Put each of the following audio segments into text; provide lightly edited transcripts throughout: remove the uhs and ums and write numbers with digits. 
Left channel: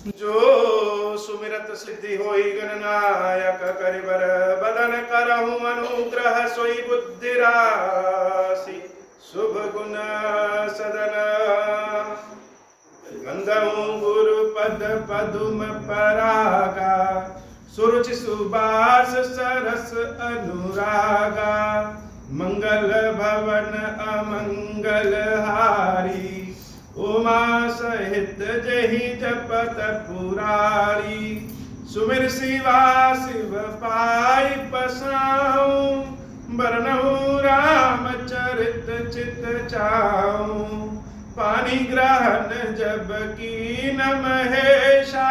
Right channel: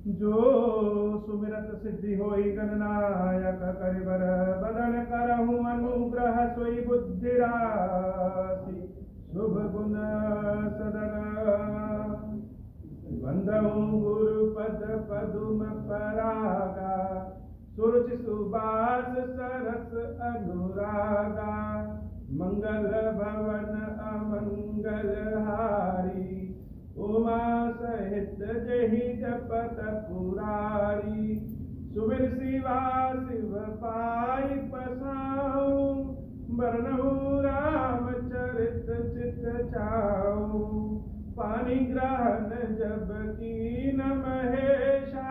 जो सुमिरत सिद्धि होई गणनायक करिबर बदन करहु अनुग्रह सोई बुद्धि राशि शुभ गुण सदन गंधहु गुरु पद पदुम परागा सुरुचि सुबास सरस अनुरागा मंगल भवन अमंगल हारी उमा सहित जहि जपत पुरारी सुमिर शिवा शिव पाई पसाऊं बरनहु राम चरित चित चाऊं पानी ग्रहण जब की न महेशा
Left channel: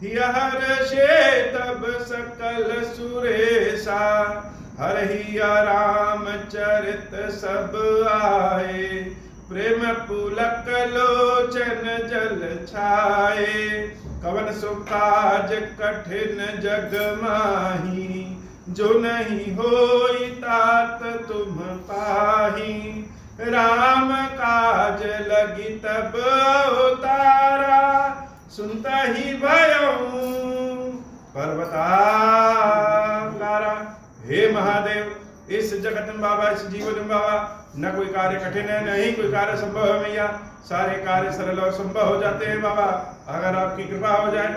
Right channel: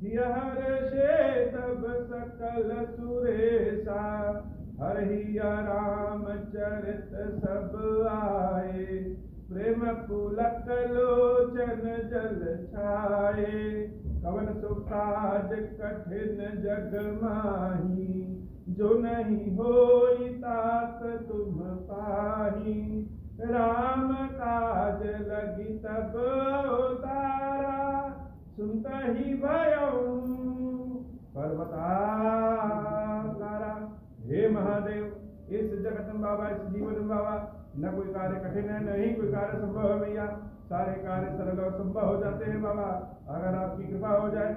हर शे तब सकल सुरेशा हरहिया राम चरित सब आए प्रेम पुलक लोचन जल छाए कवन सुकाज कठिन जग माही जो नहीं होई तात तुम पाही राम काज लगी तब अवतारा सुनता ही भयऊ पर्वताकारा। हे महादेव इस जगत में बाबा इस जीवन में बाबा न कोई कार्य कठिन है नहीं कोई कार्य संभव है मैया सारे कार्य सरल और संभव हो जाते हैं बाबा अगर आपकी कृपा हो जाए।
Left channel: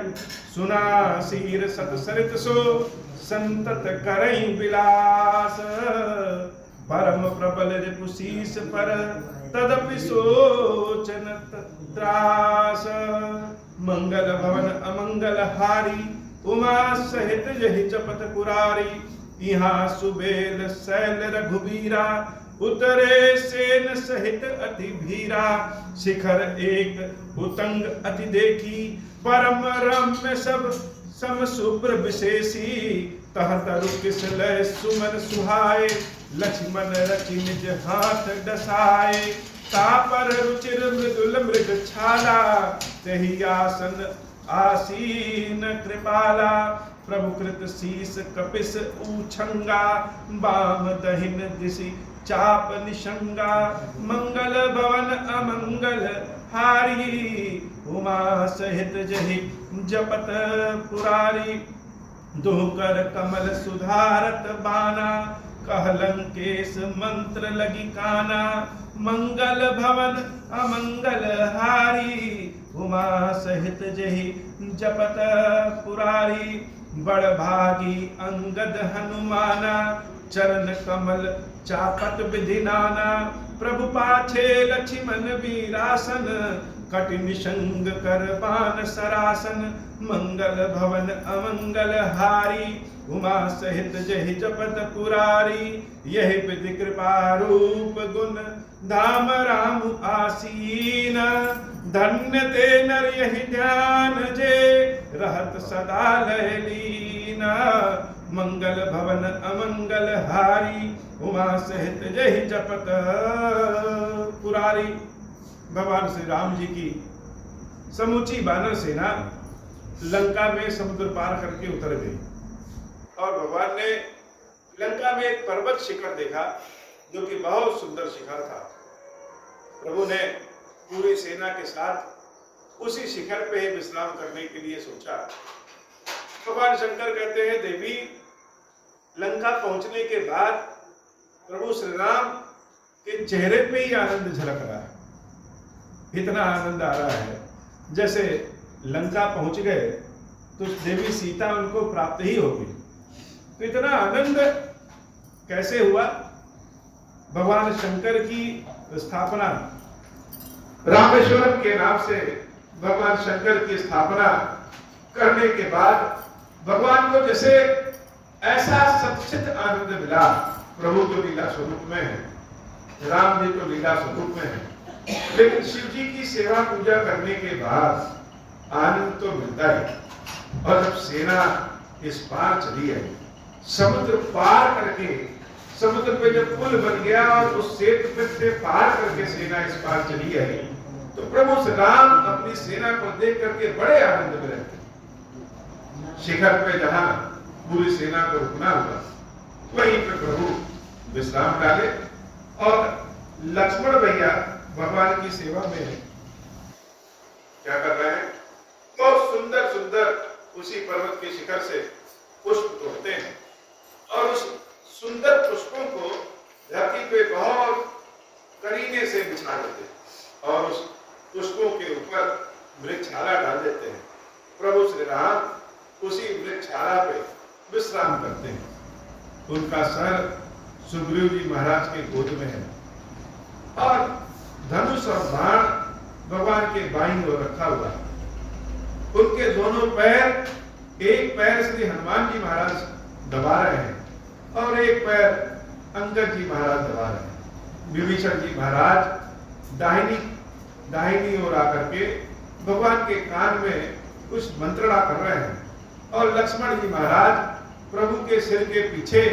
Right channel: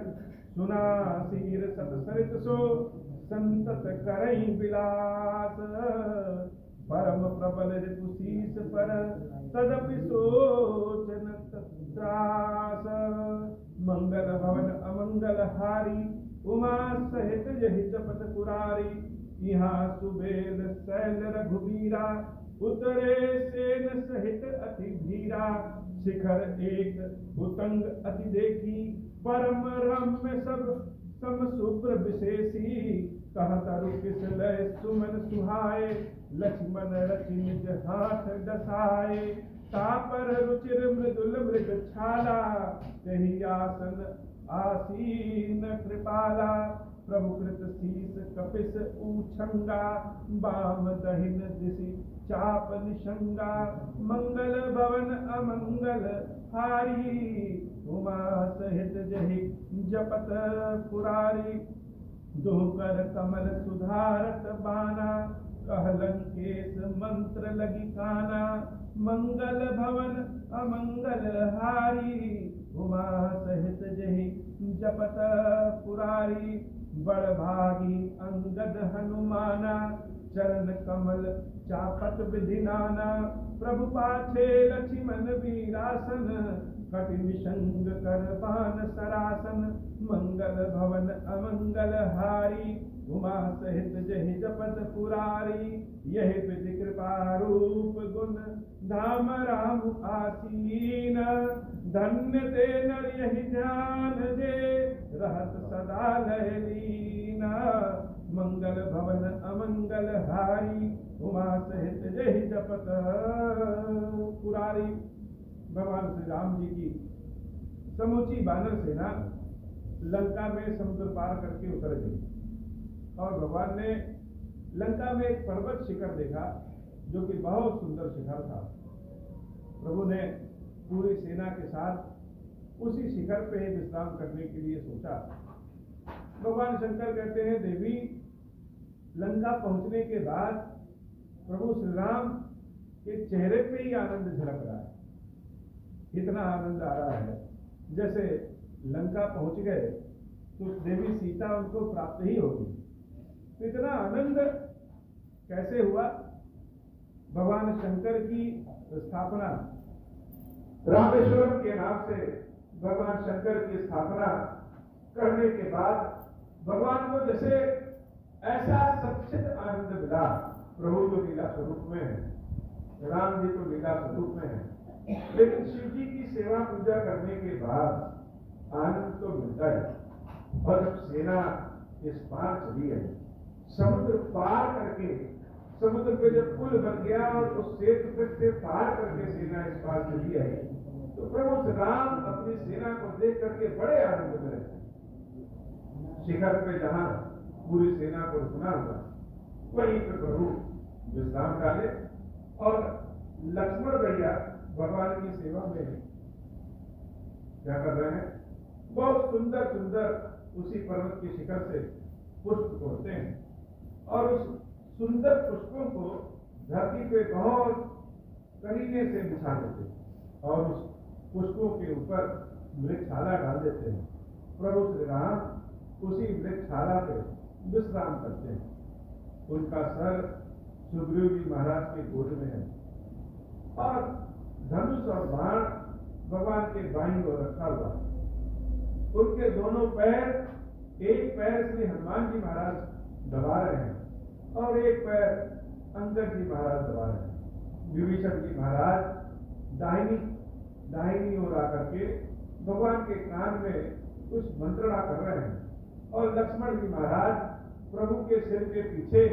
सुना सीर सत सरित सो संतत करई विलास परम प्रबल रिपुशीस पर तदपि सोचन त्रास मंगल भवन अमंगल हारी उमा सहित यही जपत पुरारी यहाँ सुबेल शैल रघुबीरा उतरे सेन सहित अति भीरा शिखर एक उतंग अति देखी परम रम्य सब सम शुभ्र विशेषी तह तरु किस लय सुमन सुहाए लक्ष्मण रचि निज हाथ डसाए तापर रुचिर मृदुल मृग छाला तहि आसन आसीन कृपाला प्रभु कृत शीस कपिस ऊछंगा बाम दहिन दिशि चाप निशंगा मंगल भवन अमंगल हारी उमा सहित जहि जपत पुरारी दोकर कमल सुधारत बाना कहलंकेश मंत्र लगी काना मंगल भवन अमंगल हारी उमा सहित जहि जपत पुरारी बड़ भागी अंगद हनुमाना चरण कमल चापत विधि नाना प्रभु पाछे लक्ष्मण वीरासन कटि निशंग कर बान सरासन मंगल भवन अमंगल हारी उमा सहित जहि जपत पुरारी यही विधि कृपा रूप गुण धाम राम आसीन धन्य ते नर यही ध्यान जे रहत सदा लयलीन मंगल भवन अमंगल हारी उमा सहित जहि जपत पुरारी। भगवान श्री राम जी की समूची वानर सेना लंका में समुद्र पार करके उतर गई और भगवान ने लंका में एक पर्वत शिखर देखा जो कि बहुत सुंदर शिखर था। प्रभु ने पूरी सेना के साथ उसी शिखर पे विश्राम करने के लिए सोचा। भगवान शंकर कहते हैं देवी लंका पहुंचने के बाद प्रभु श्री राम के चेहरे पे ही आनंद झलक रहा है, इतना आनंद आ रहा है जैसे लंका पहुंच गए तो देवी सीता उनको प्राप्त ही होगी। तो इतना आनंद कैसे हुआ? भगवान शंकर की स्थापना रामेश्वरम के नाम से भगवान शंकर की स्थापना करने के बाद भगवान को जैसे ऐसा सचित आनंद मिला। प्रभु तो लीला स्वरूप में है, राम जी तो लीला स्वरूप में है, लेकिन शिव जी की सेवा पूजा करने के बाद आनंद तो मिलता है। और जब सेना इस पार चली है, समुद्र पार करके, समुद्र पे जब पुल बन गया और उस सेतु से पार करके सेना इस पार चली है, तो प्रभु श्री राम अपनी सेना को देख करके बड़े आनंद में रहते। शिखर पे जहां पूरी सेना को रुकना हुआ वहीं पे प्रभु विश्राम डाले और लक्ष्मण भैया भगवान की सेवा में क्या कर रहे हैं? बहुत सुंदर सुंदर उसी पर्वत के शिखर से पुष्प तोड़ते हैं और उस सुंदर पुष्पों को धरती पे बहुत करीने से बिछा देते हैं और उस पुष्पों के ऊपर वृक्षाला डाल देते हैं। प्रभु श्री राम उसी वृक्षाला पे विश्राम करते हैं। उनका सर सुग्रीव जी महाराज के गोद में है और धनुष और बाण भगवान के बाईं ओर रखा हुआ है। उनके दोनों पैर, एक पैर श्री हनुमान जी महाराज दबा रहे हैं और एक पैर अंगद जी महाराज दबा रहे हैं। विभीषण जी महाराज दाहिनी ओर आकर के भगवान के कान में कुछ मंत्रणा कर रहे हैं और लक्ष्मण जी महाराज प्रभु के सिर के पीछे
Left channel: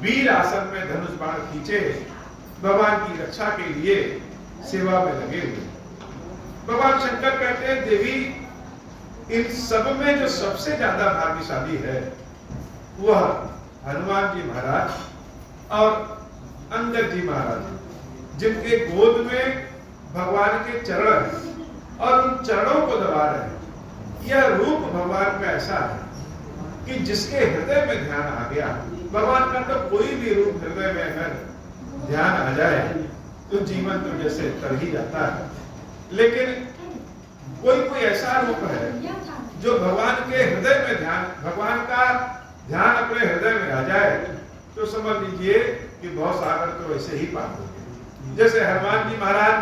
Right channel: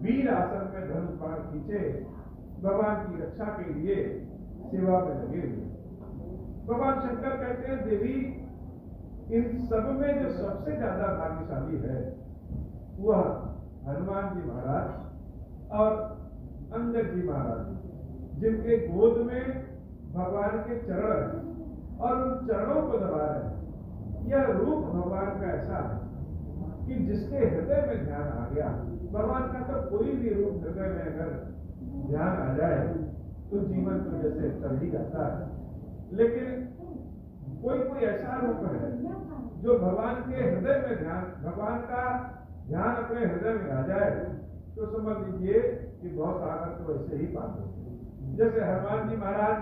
वीर आसन में धनुष बाण खींचे भगवान की रक्षा के लिए सेवा में लगे हुए। भगवान शंकर कहते हैं, देवी इन सब में जो सबसे ज्यादा भाग्यशाली है वह हनुमान जी महाराज और अंगद जी महाराज, जिनके गोद में भगवान के चरण हैं और उन चरणों को दबा रहे हैं। यह रूप भगवान का ऐसा है कि जिसके हृदय में ध्यान आ गया, भगवान का तो कोई भी रूप हृदय में अगर ध्यान आ जाए तो जीवन तो जैसे तर ही जाता है। लेकिन कोई ऐसा रूप है जो भगवान के हृदय में ध्यान, भगवान का ध्यान अपने हृदय में आ जाए तो समझ लीजिए कि बहुत सागर तो वैसे ही पार हो गए। जैसे हनुमान जी महाराज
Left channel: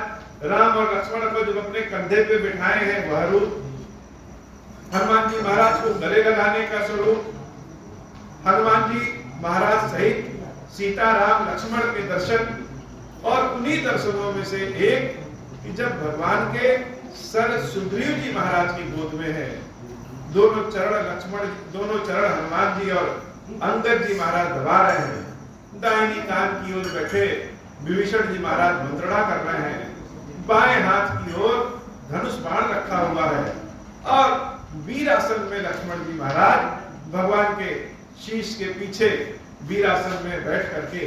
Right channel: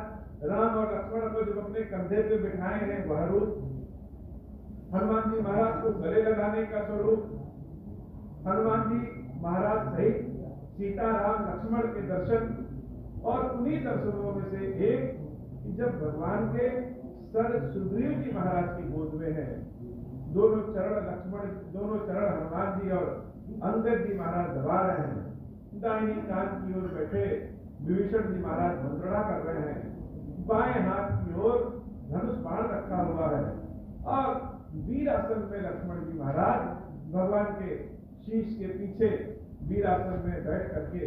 राम और लक्ष्मण को जब अपने कंधे पे बिठाए हैं वह रूप, हनुमान जी महाराज को गले लगाने का स्वरूप, हनुमान जी महाराज सहित सीता राम लक्ष्मण के दर्शन, और उन्हीं दर्शनों में से एक कि जब भगवान के सर सुग्रीव जी महाराज की गोद में है, दोनों चरण हनुमान जी और अंगद जी महाराज दबा रहे हैं, दाहिनी कान की ओर बैठे विभीषण जी महाराज मंत्रणा कर रहे हैं, बाएं हाथ की ओर धनुष बाण रखा हुआ है और वीरासन में लक्ष्मण जी महाराज भगवान के शीश के पीछे वीरासन में बैठ करके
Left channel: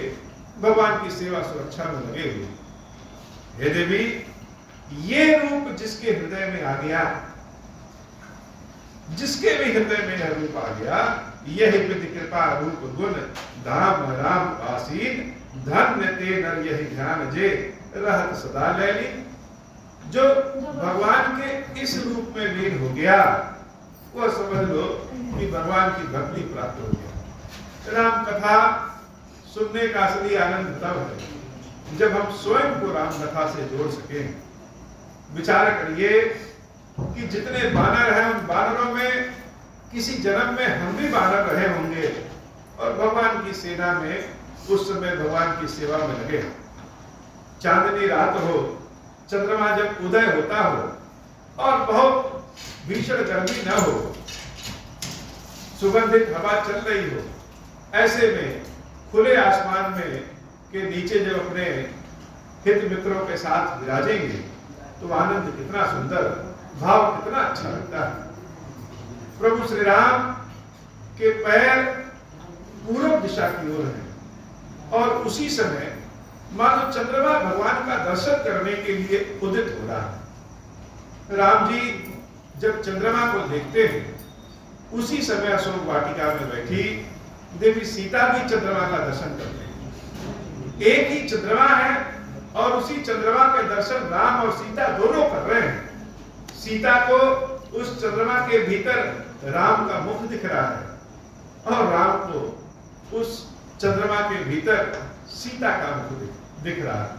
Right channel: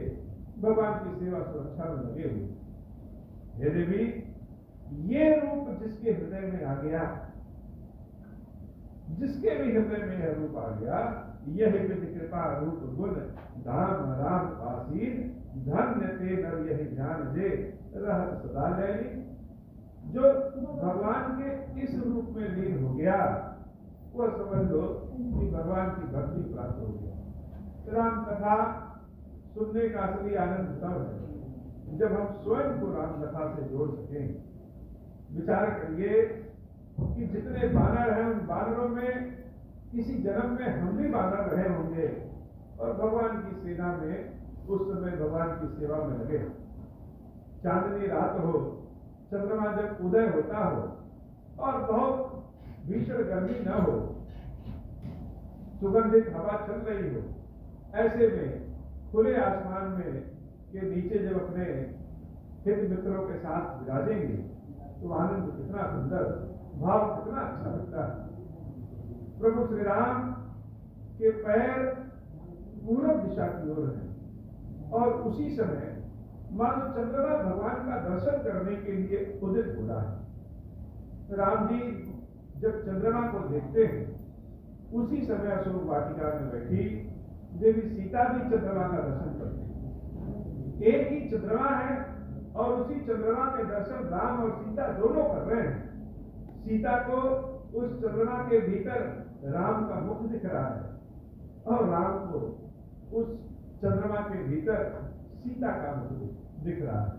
भगवान की सेवा सुरक्षा में लगे हुए। हे देवी, ये रूप जिसके हृदय में आ गया, जिसके भी हृदय में यह रूप आ गया, यही विधि कृपा रूप गुण धाम राम आसीन, धन्य ते नर यही ध्यान जे रहत सदा लैली। जो भगवान के इस रूप में लीन हो गया वह समझ लो कि भगवान की भक्ति प्राप्त हो गया। राम कथा सुनने का असली आनंद तब है जब हम स्वयं को राम कथा से जोड़ सकें। विचार करिए कि जितने बानर हैं उन बानरों में किसी जन्म में हम भी बानर रहे होंगे और भगवान की सेना में उस समय भगवान की सेवा में लगे। चांदनी रात हो, चंद्रमा जब उदय होता हो और बहुत भीषण गर्मी न हो, सुगंधित हवा चल रही हो, ऐसे में खुले आसमान में के नीचे जब अपने हित मित्रों के साथ विराजेंगे तो आनंद कितना सुंदर, भाव कितना अच्छा लगता है। प्रभु श्री राम के पैर पूर्व दिशा की ओर हैं और उसी समय मानो चंद्रमा भगवान का दर्शन करने के लिए उदित हो रहा है। राम जी जब चंद्रमा को देखते हैं उसी समय अशोक वाटिका में बैठी देवी सीता भी चंद्रमा का दर्शन करते हैं। एक ही चंद्रमा है और उसी चंद्रमा के दर्शन राम और सीता दोनों कर रहे हैं। सीता को उस चंद्रमा के भीतर राम का मुख दिख रहा है और राम को उस चंद्रमा के भीतर सीता का मुख दिख रहा है।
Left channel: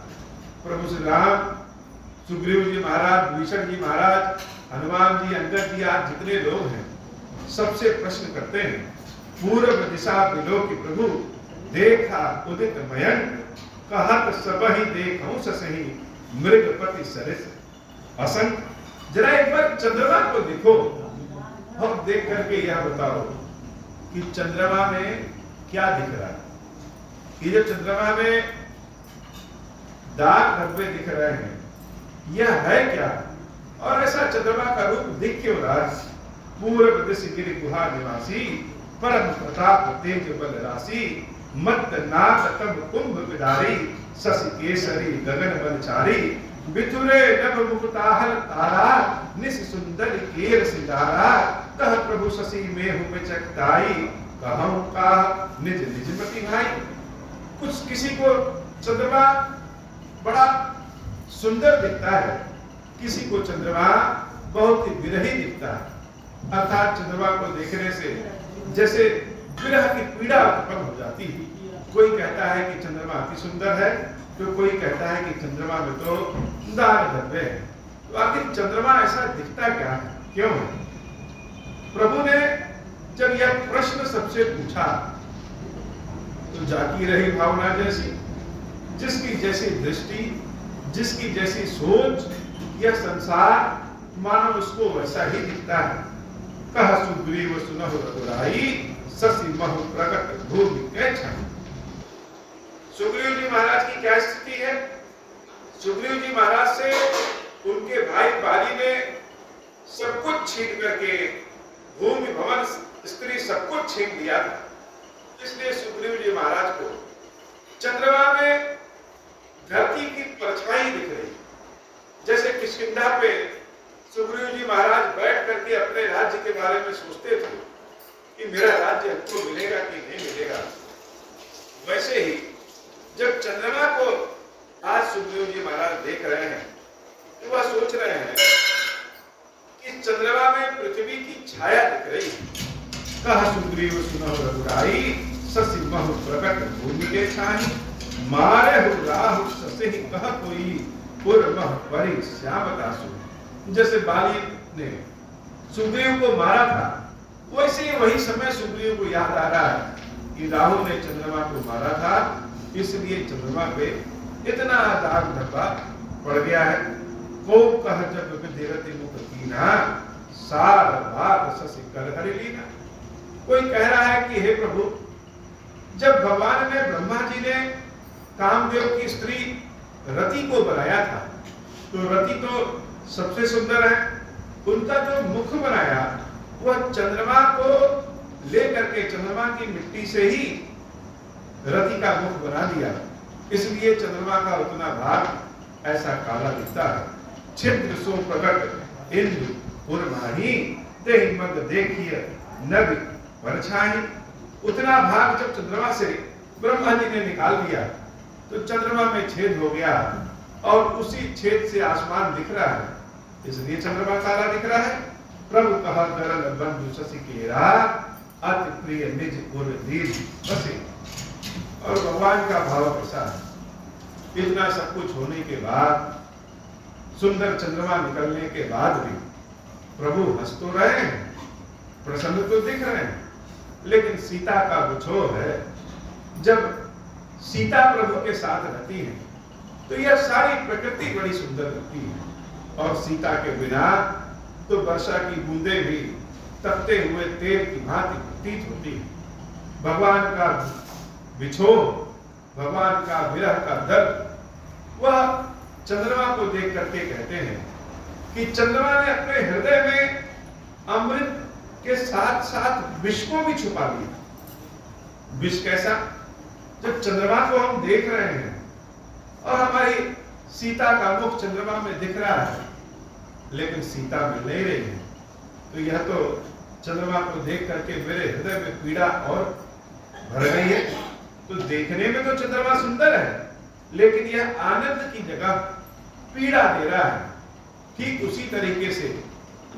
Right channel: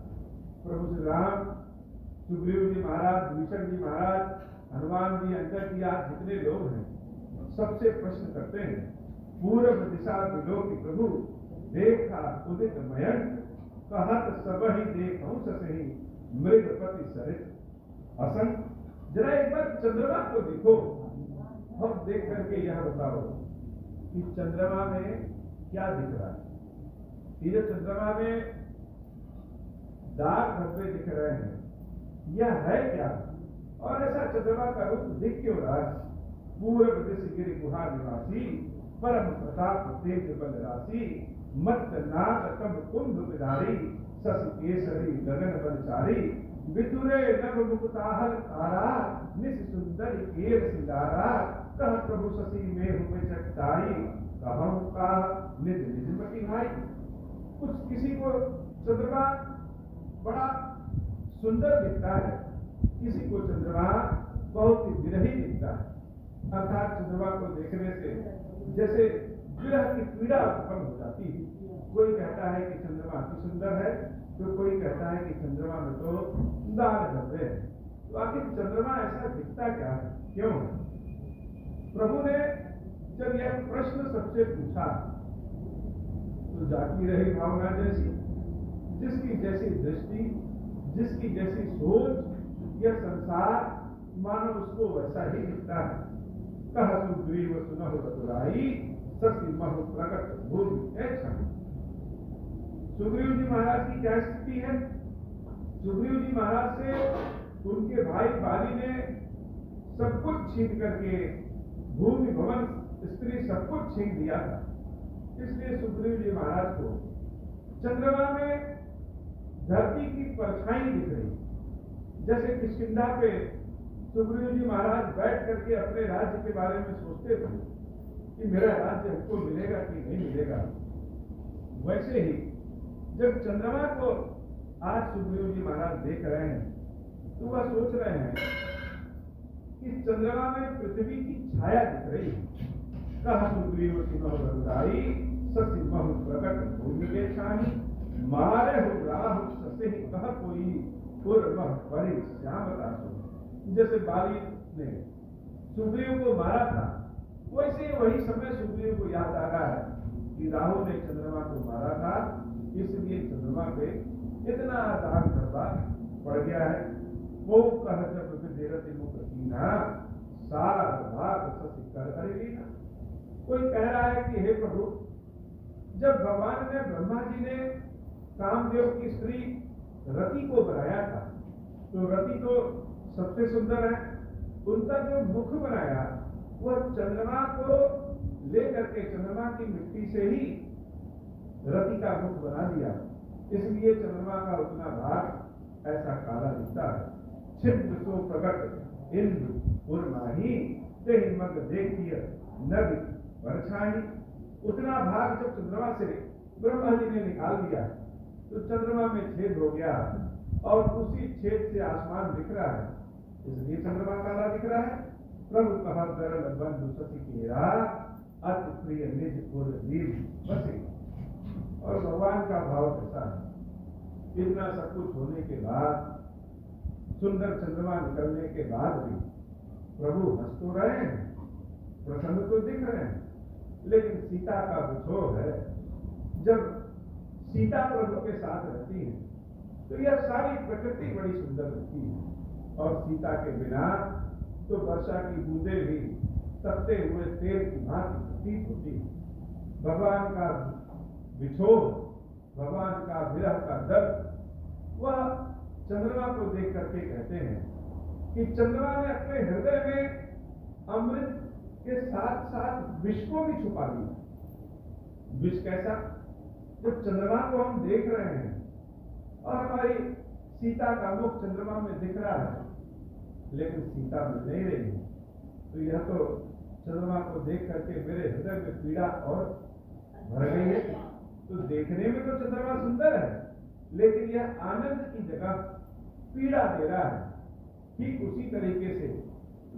प्रभु श्री राम, सुग्रीव जी महाराज, विभीषण जी महाराज, हनुमान जी, अंगद जी, आज जितने लोग हैं सबसे प्रश्न करते हैं, पूर्व दिशा विलोकी प्रभु देखा उदित मयंक, कहत सबहि देखऊं ससहि मृगपति सरिस असंक। जरा एक बार चंद्रमा को देखो और देख करके यह बताओ कि चंद्रमा में क्या दिख रहा है। ये जो चंद्रमा में दाग धब्बे दिख रहे हैं यह है क्या, और ऐसा चंद्रमा का रूप दिख क्यों रहा है। पूर्व दिश गिरि गुहा निवासी, परम प्रताप तेज बल राशि, मत नाग तम कुंभ विदारी, शशि केसरी गगन बलचारी, बिथुरे नभ मुकुताहल तारा, निस सुंदर केर सिधारा, कह प्रभु शशि में हूँ चकताई, कहूँ का निज निज मति भाई। कुछ किसी को चंद्रमा बड़ा सुंदर दिखता है, किसी को चंद्रमा बहुत ही विरही दिखता है। अर्थात चंद्रमा को देखने से जैसे विरह की पीड़ा उत्पन्न हो जाती है। कोई कहता है कि चंद्रमा अति सुंदर है, तो कोई कहता है कि चंद्रमा में तो दाग धब्बे है। तो आखिर चंद्रमा ऐसा दिखता क्या है, क्यों है? प्रभु ने जब यह प्रश्न सबसे पूछा तो जागी रही भावना जैसी, जिसकी जैसी दृष्टि, जिसकी जैसी सोच, यह संसार मानो उसको वैसा ही दिखता है। कह सुग्रीव सुनहु रघुराई, शशि महु प्रकट भूमि के क्षण। सुग्रीव जी महाराज की क्या स्थिति है? सुग्रीव जी महाराज से उनके भाई बाली ने सब कुछ छीन करके, भूमि भवन स्त्री सब कुछ छीन लिया था। इसलिए सुग्रीव जी महाराज को चंद्रमा में धरती की परछाई दिख रही, जैसे किष्किंधा पे सुग्रीव जी महाराज बैठ करके अपने राज्य के बारे में सोचते थे कि मेरा राज्य हमको मिलेगा कि नहीं मिलेगा। वैसे ही जब चंद्रमा को आज सुग्रीव जी महाराज देख रहे हैं तो वह सोच रहे हैं कि चंद्रमा में पृथ्वी की छाया दिख रही है। कह सुग्रीव सुनहु रघुराई, शशि महु प्रकट भूमि के छाई, मारे हो राहु शशि कह कोई, पुर मह परि श्यामदासु। जैसे बाली ने सुग्रीव को मारा था, वैसे वही समय सुग्रीव को याद आ रहा है कि राहु ने चंद्रमा को मारा था, इसलिए चंद्रमा पे इतना दाग धब्बा पड़ गया है। को कह जब विधिरति मुख कीना, सार बात शशि कर हरि लीना। कोई कह रहा है कि हे प्रभु, जब भगवान ने ब्रह्मा जी ने कामदेव की स्त्री रति को बनाया था, तो रति तो सबसे सुंदर है, उनका जो मुख बनाया वह चंद्रमा को लेकर के चंद्रमा की मिट्टी से ही रति का मुख बना दिया। इसलिए चंद्रमा का उतना भाग ऐसा काला दिखता है। छिद्र सो प्रकट इंदु पूर्णाही, तेहि मग देखिए नग परछाई। उतना भाग जब चंद्रमा से ब्रह्मा जी ने निकाल दिया तो चंद्रमा में छेद हो गया और उसी छेद से आसमान दिख रहा है, इसलिए चंद्रमा काला दिख रहा है। प्रभु कहा गरल बंधु शशि केरा, अति प्रिय निज पुर दीन बसे। और भगवान का भाव कैसा है, इतना सब कुछ होने के बाद, सुंदर चंद्रमा निकलने के बाद भी प्रभु हंस तो रहे हैं, प्रसन्न तो दिख रहे हैं, लेकिन सीता का विछोह है। जब सीता प्रभु के साथ रहती है तो यह सारी प्रकृति बड़ी सुंदर लगती है, और सीता के बिना तो वर्षा की बूंदें भी तपते हुए तेल की भांति प्रतीत होती है। भगवान का विछोह, भगवान का विरह का दर्द, वह चंद्रमा को देख करके कहते हैं कि चंद्रमा ने अपने हृदय में अमृत के साथ साथ विष को भी छुपा लिया। विष कैसा? जब चंद्रमा को हम देख रहे हैं और हमारी सीता का मुख चंद्रमा में दिख रहा है, लेकिन सीता मिल नहीं रही है, तो यह तो चंद्रमा को देख करके मेरे हृदय में पीड़ा और भर गई है। तो देखने में तो चंद्रमा सुंदर है, लेकिन यह आनंद की जगह पीड़ा दे रहा है। ठीक उसी तरीके से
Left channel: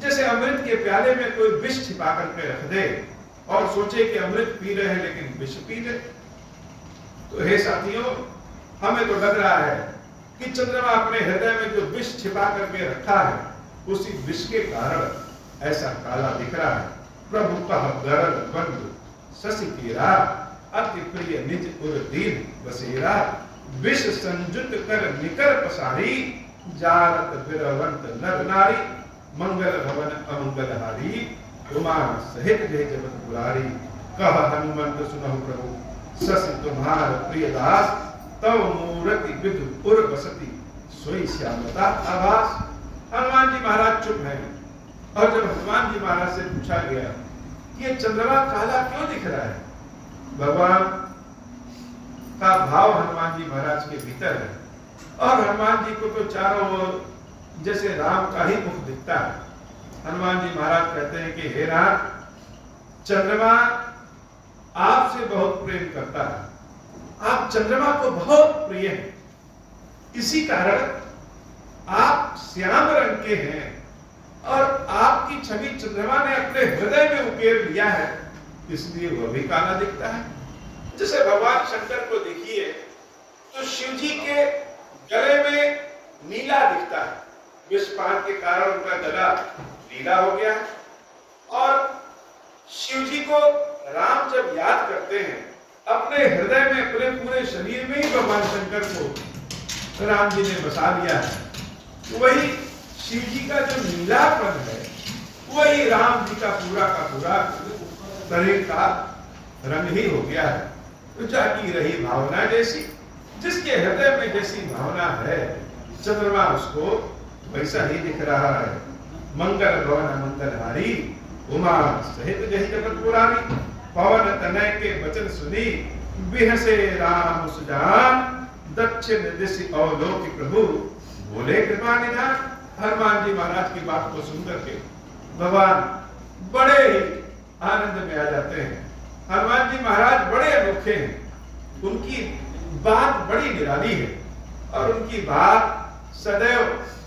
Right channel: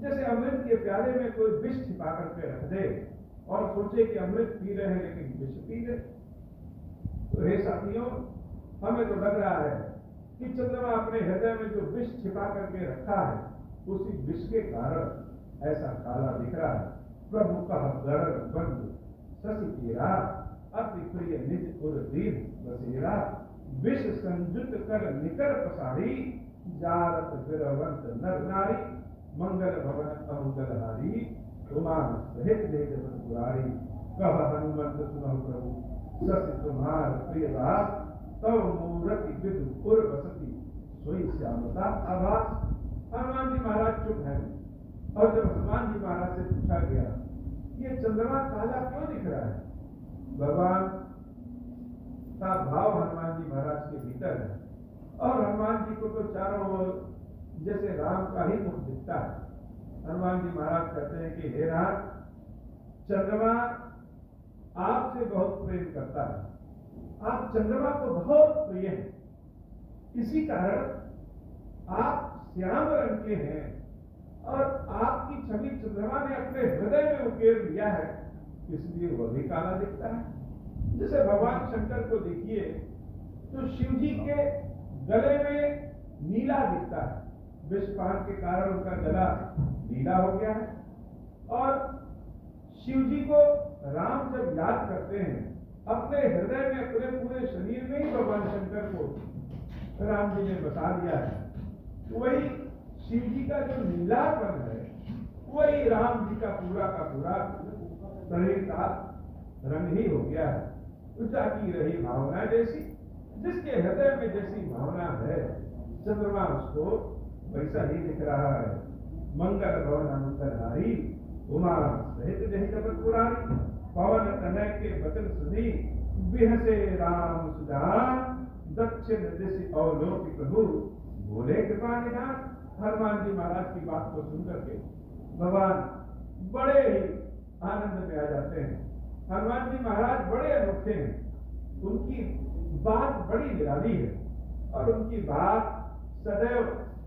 जैसे अमृत के प्याले में कोई विष छिपा करके रख दे और सोचे कि अमृत पी रहे हैं लेकिन विष पी ले। तो हे साथियों, हमें तो लग रहा है कि चंद्रमा अपने हृदय में जो विष छिपा करके रखा है, उसी विष के कारण ऐसा काला दिख रहा है। प्रभु कह गरल बंधु शशि केरा, अति प्रिय निज उर दीन बसेरा। विष संजुत कर निकर पसारी, जारत बिरवंत नर नारी। मंगल भवन अमंगलहारी, उमा सहित जय जगत पुरारी। कह हनुमंत सुनहु प्रभु, शशि तुम्हार प्रिय दास। तव मूर्ति विधु पुर बसती, सोई श्यामता आभास। हनुमान जी महाराज चुप हैं, और जब हनुमान जी महाराज से पूछा गया कि ये चंद्रमा काला क्यों दिख रहा है, भगवान का भाव हनुमान जी महाराज के भीतर है। और हनुमान जी को तो चारों ओर जैसे राम का ही मुख दिखता है, हनुमान जी महाराज कहते हैं कि हे नाथ, चंद्रमा आपसे बहुत प्रेम करता है, आप चंद्रमा को बहुत प्रिय हैं, इसी कारण आप श्याम रंग के हैं और आपकी छवि चंद्रमा ने अपने हृदय में उकेर लिया है, इसलिए वह भी काला दिखता है। जैसे भगवान शंकर को देखिए तो शिव जी के गले में नीला दिखता है, विषपान के कारण उनका गला नीला हो गया है। और शिव जी को राम जब याद करते हैं, अपने हृदय में, अपने पूरे शरीर में ही भगवान शंकर को राम जी ने बसा लिया है। वही शिव जी का जो नीलापन है, वही राम जी का पूरा शरीर का रंग ही हो गया है। तो जाकी रही भावना जैसी, जिसके हृदय में जैसी भावना है, चंद्रमा उसको वैसा ही दिख रहा है। मंगल भवन मंगलहारी, उमा सहित जही जगत पुरारी, पवन तनय के वचन सुनी, बिहसे राम सुजान, दक्षिण दिशि अवलोकि प्रभु, बोले कृपा निधान। हनुमान जी महाराज की बात को सुनकर के भगवान बड़े ही आनंद में आ जाते हैं। हनुमान जी महाराज बड़े अनोखे हैं, उनकी बात बड़ी निराली है और उनकी बात सदैव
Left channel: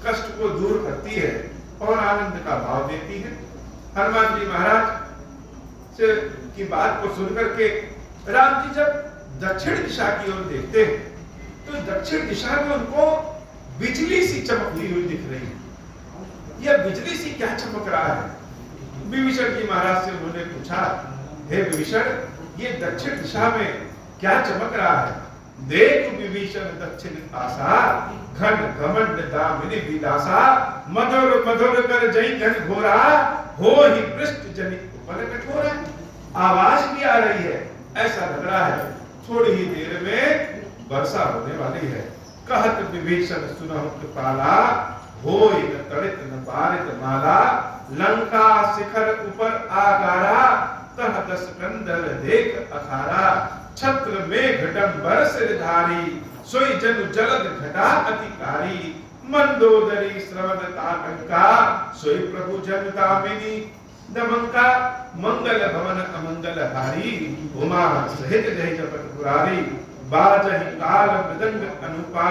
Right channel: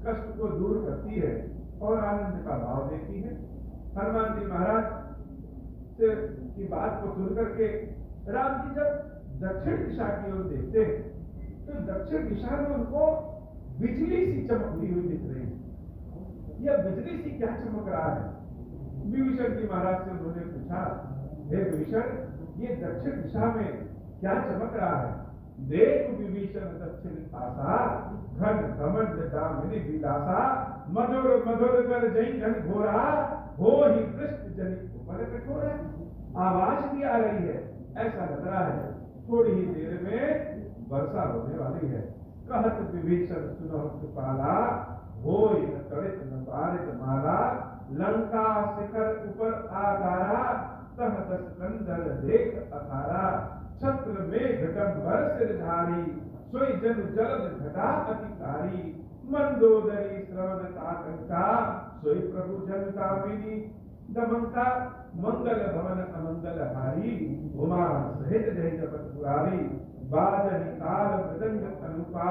कष्ट को दूर करती है और आनंद का भाव देती है। हनुमान जी महाराज से की बात को सुनकर के राम जी जब दक्षिण दिशा की ओर देखते हैं तो दक्षिण दिशा में उनको बिजली सी चमकती हुई दिख रही है। यह बिजली सी क्या चमक रहा है? विभीषण जी महाराज से उन्होंने पूछा, हे विभीषण, ये दक्षिण दिशा में क्या चमक रहा है? देख विभीषण दक्षिण आसा, घन घमंड दामिनी विलासा, मधुर मधुर कर जई घन घोरा, हो ही पृष्ठ जनित उपल कठोरा। आवाज भी आ रही है, ऐसा लग रहा है थोड़ी ही देर में वर्षा होने वाली है। कहत विभीषण सुनहु कृपाला, होय न तड़ित न बारित माला, लंका शिखर ऊपर आगारा, तह दस कंदल देख अखारा, छत्र में घटंबर सिरधारी, सोई जनु जलद घटा अतिकारी, मंदोदरी श्रवण ताटंका, सोई प्रभु जन कामिनी दमंका, मंगल भवन अमंगल हारी, उमा सहित जय जगत पुरारी, बाजहि काल मृदंग अनुपा,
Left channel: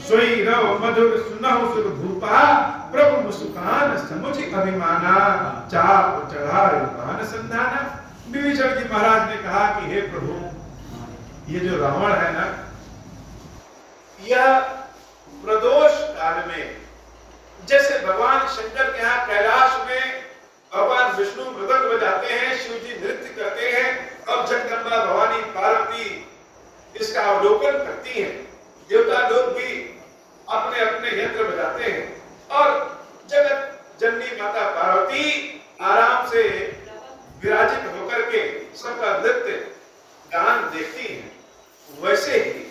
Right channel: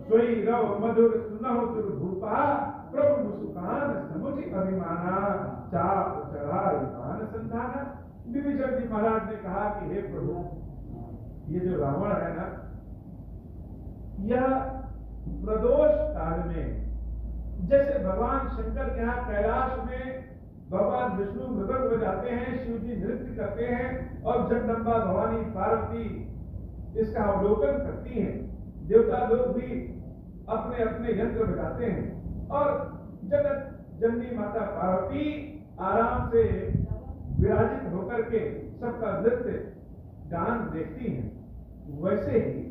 सोई रव मधुर सुनहु सुर भूपा, प्रभु मुस्कान समुझ अभिमाना, चाप चढ़ाए कान संधाना। विभीषण जी महाराज ने कहा कि हे प्रभु, ये जो रावण है ना, यह प्रदोष काल में जैसे भगवान शंकर के यहाँ कैलाश में भगवान विष्णु मृदंग बजाते हैं, शिव जी नृत्य करते हैं और जगदम्बा भवानी पार्वती इसका अवलोकन करती हैं, देवता लोग भी अपने अपने यंत्र बजाते हैं और जगत जननी माता पार्वती आराम से विराजित होकर के सबका नृत्य गान देखती हैं। वैसे ही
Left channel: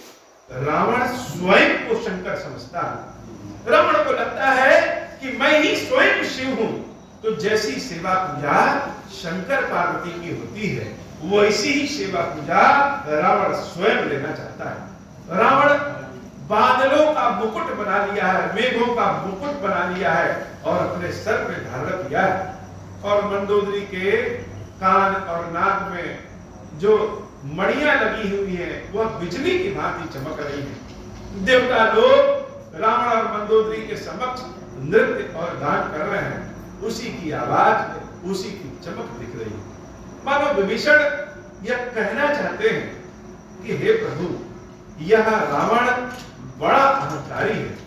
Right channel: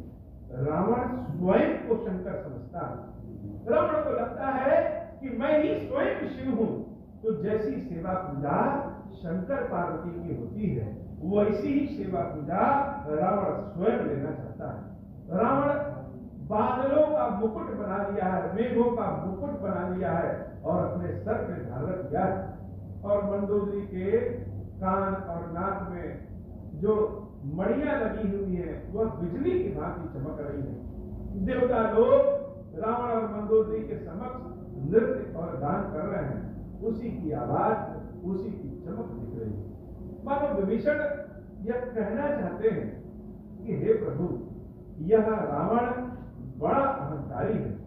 रावण स्वयं को शंकर समझता है। रावण को लगता है कि मैं ही स्वयं शिव हूं। तो जैसी सेवा पूजा शंकर पार्वती की होती है, वैसी ही सेवा पूजा रावण स्वयं लेना चाहता है। रावण बादलों का मुकुट बना लिया है, मेघों का मुकुट बना लिया है और अपने सर पे धारण किया है और मंदोदरी के कान और नाक में जो मणियां लगी हुई है वह बिजली की भांति चमक रही है। देवता लोग रावण और मंदोदरी के समक्ष नृत्य और गान कर रहे हैं, उसी की आवाज, उसी की चमक दिख रही है। मानो विभीषण यह कहना चाहते हैं कि हे प्रभु, यह रावण बड़ा अहंकारी है,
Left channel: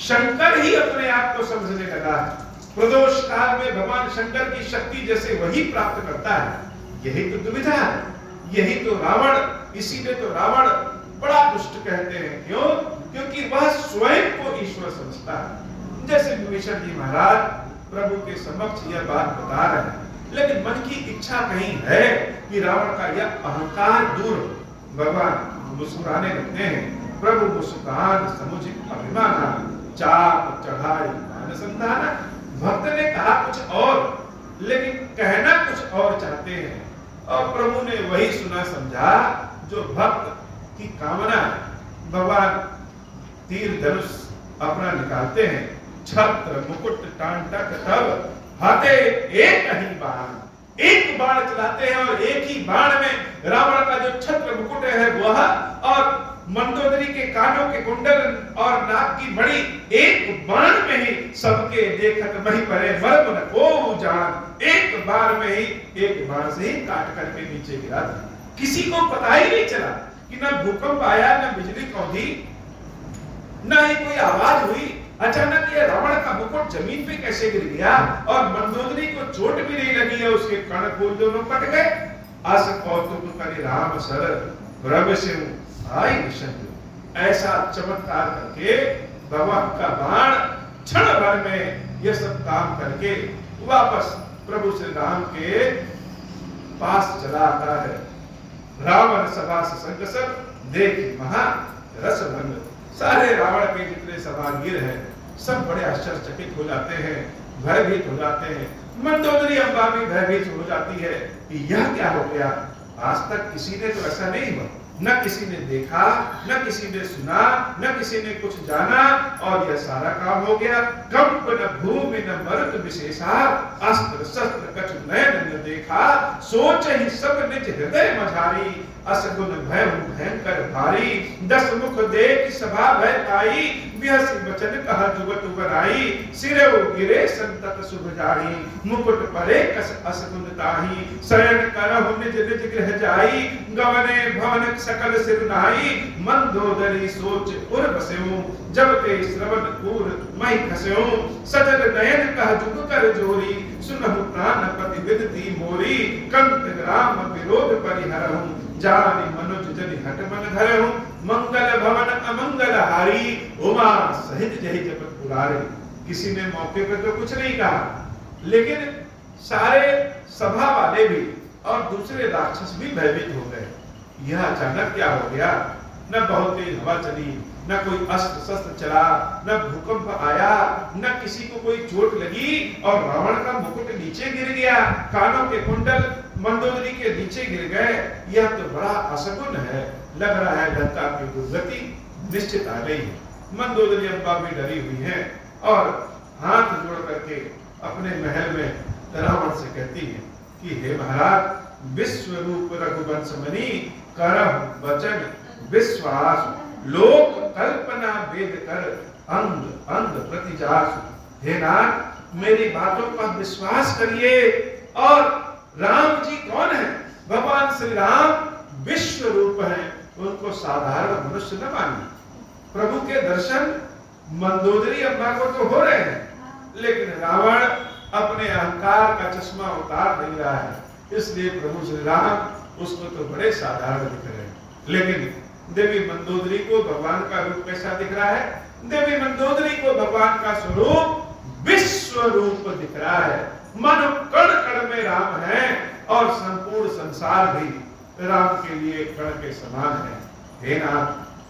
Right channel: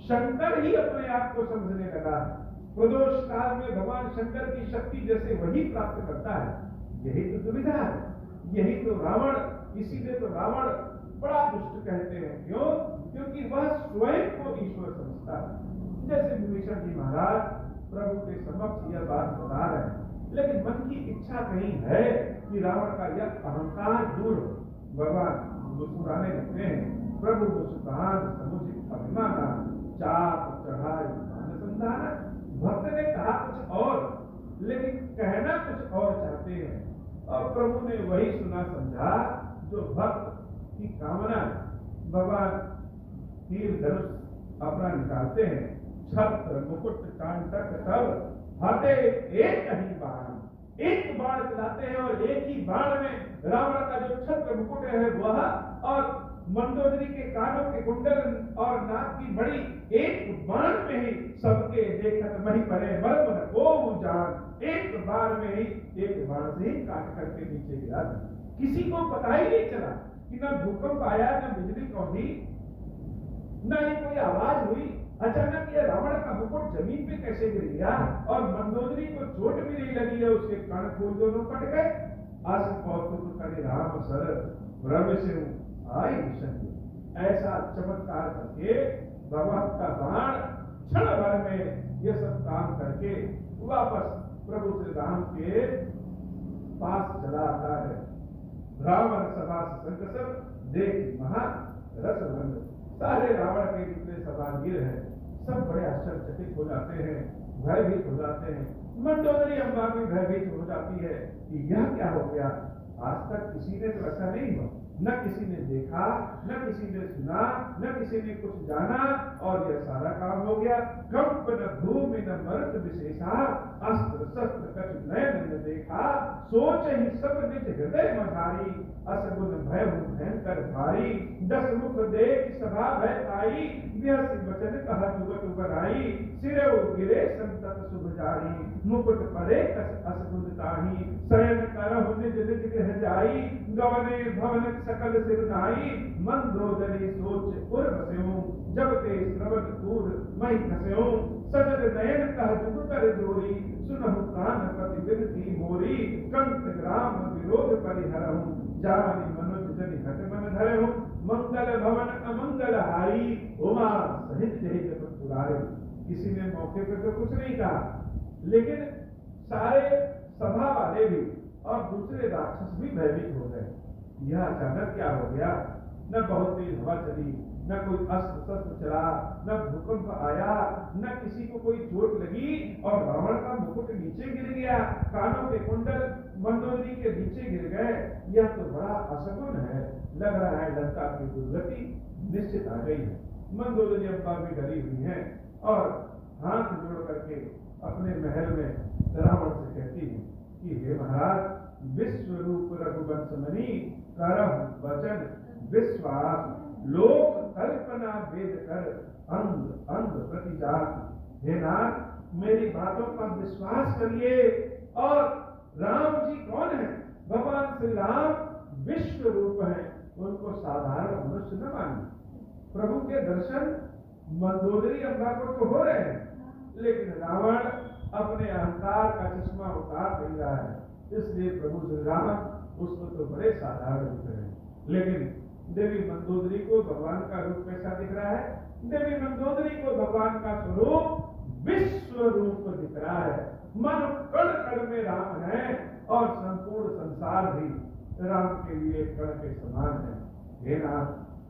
शंकर ही अपने आप को समझने लगा है। प्रदोष काल में भगवान शंकर की शक्ति जैसे वही प्राप्त करता है, यही तो दुविधा है, यही तो रावण, इसीलिए तो रावण बड़ा दुष्ट कहते हैं। क्यों? क्योंकि वह स्वयं को ईश्वर समझता है। जैसे विभीषण जी महाराज प्रभु के समक्ष यह बात बता रहे हैं, लेकिन मन की इच्छा कहीं है कि रावण का यह अहंकार दूर हो। भगवान मुस्कुराने लगते हैं, प्रभु मुस्कान समुझ अभिमाना, चाप चढ़ाई मान संधाना। भक्त ने कहा कुछ और, लेकिन कहना कुछ और चाहते हैं और प्रभु ने वही सुना समझा जो भक्त की कामना है। भगवान तीर धनुष अपना निकालते हैं, छत्र मुकुट टांटक तब, हाथे एक ही बाण, एक बाण चलाते हैं और एक ही बाण में रावण का जो छत्र मुकुट है वह और मंदोदरी के कानों के कुंडल और नाक की बड़ी एक बाण में ही सबके देखत मही परे मर्म न को जान, एक बार में ही एक बाण से ही काट करके नीचे गिरा दिया। किसी को पता ही नहीं चला कि न भूकंप आया, न बिजली कौंधी, न ही कोई आवाज हुई। अचानक ये रावण का मुकुट जमीन पे कैसे गिर गया और मंदोदरी को चोट भी नहीं लगी है, उसके कर्णफूल दोनों कट गए। अस कौतुक करि राम सर प्रभ सिंह आई निशंक। ऐसा चमत्कार करके भगवान का बाण क्षण भर में ये सब काम करके वापस प्रभु श्री राम के पास चला आता है। रावण सभा संकसर देख महा रस भंग। सारे रावण के जितने सभागीर हैं सब बड़े आश्चर्यचकित हो जाते हैं, भयभीत हो जाते हैं। मंदोदरी अम्बा भी भयभीत हो जाती है कि यह क्या हो गया। आज तक किसी ने तो ऐसा नहीं हुआ, न किसी ने देखा, न किसी ने सुना, न किसी ने कुछ जाना और यह सारा काम हो गया। कंप न भूमि न मरुत विशेषा, अस्त्र शस्त्र कछु नयन न देखा। सोच ही सब निज हृदय मझारी, असगुन भय भयंकर भारी। दस मुख देख सभा भय पाई, बिहसी बचन कहा जुगत बनाई। सिरे गिरे संतत शुभ जाई, मुकुट परे कस असगुन ताही। शयन करहु निज निज गृह जाई, गवने भवन सकल सिर नाई। मंदोदरी सोच उर बस्यो, जब ते श्रवण पूर मई खस्यो। सजल नयन कह जुग कर जोरी, सुनहु प्राणपति विनती मोरी। कंत ग्राम विरोध परिहरहु, जानि मनुज जनि हट मन धरहु। मंगल भवन अमंगल हारी, उमा सहित जहि जपत पुरारे। किसी ने मौके पर तो कुछ नहीं कहा, लेकिन सारे सभा वाले भी और दूसरे राक्षस भी भयभीत हो गए। यह अचानक क्या हो गया। न बहुत तेज हवा चली, न कोई अस्त्र शस्त्र चला, न भूकंप आया, न किसी को कोई चोट लगी और रावण का मुकुट नीचे गिर गया, कानों के कुंडल मंदोदरी के नीचे गिर गए। यह तो बड़ा असगुन है। लग रहा है लंका की दुर्गति निश्चित आ गई है। मंदोदरी अम्बा भी डरी हुई है और हाथ जोड़ करके अपने महल में रावण से कहती है कि हे महाराज, विश्व रूप रघुवंश मणि, करहु वचन विश्वास। लोक कल्पना वेद कर, अंग अंग प्रति जासु। हे नाथ, मेरी बातों पर विश्वास करिए। और राम जी कौन है? भगवान श्री राम विश्व रूप है, उनको साधारण मनुष्य न मानिए। प्रभु के दर्शन मंदोदरी अम्बा को तो हो रहे हैं, लेकिन रावण अपने अहंकार का चश्मा उतार नहीं रहा है, इसलिए प्रभु श्री राम उसको तो बड़े साधारण दिख रहे हैं। लेकिन देवी मंदोदरी को भगवान का रूप कैसा दिख रहा है? देवी मंदोदरी को भगवान का स्वरूप विश्व रूप दिख रहा है। मानो कण कण में राम है और संपूर्ण संसार भी राम के लिए कण के समान है। हे नाथ,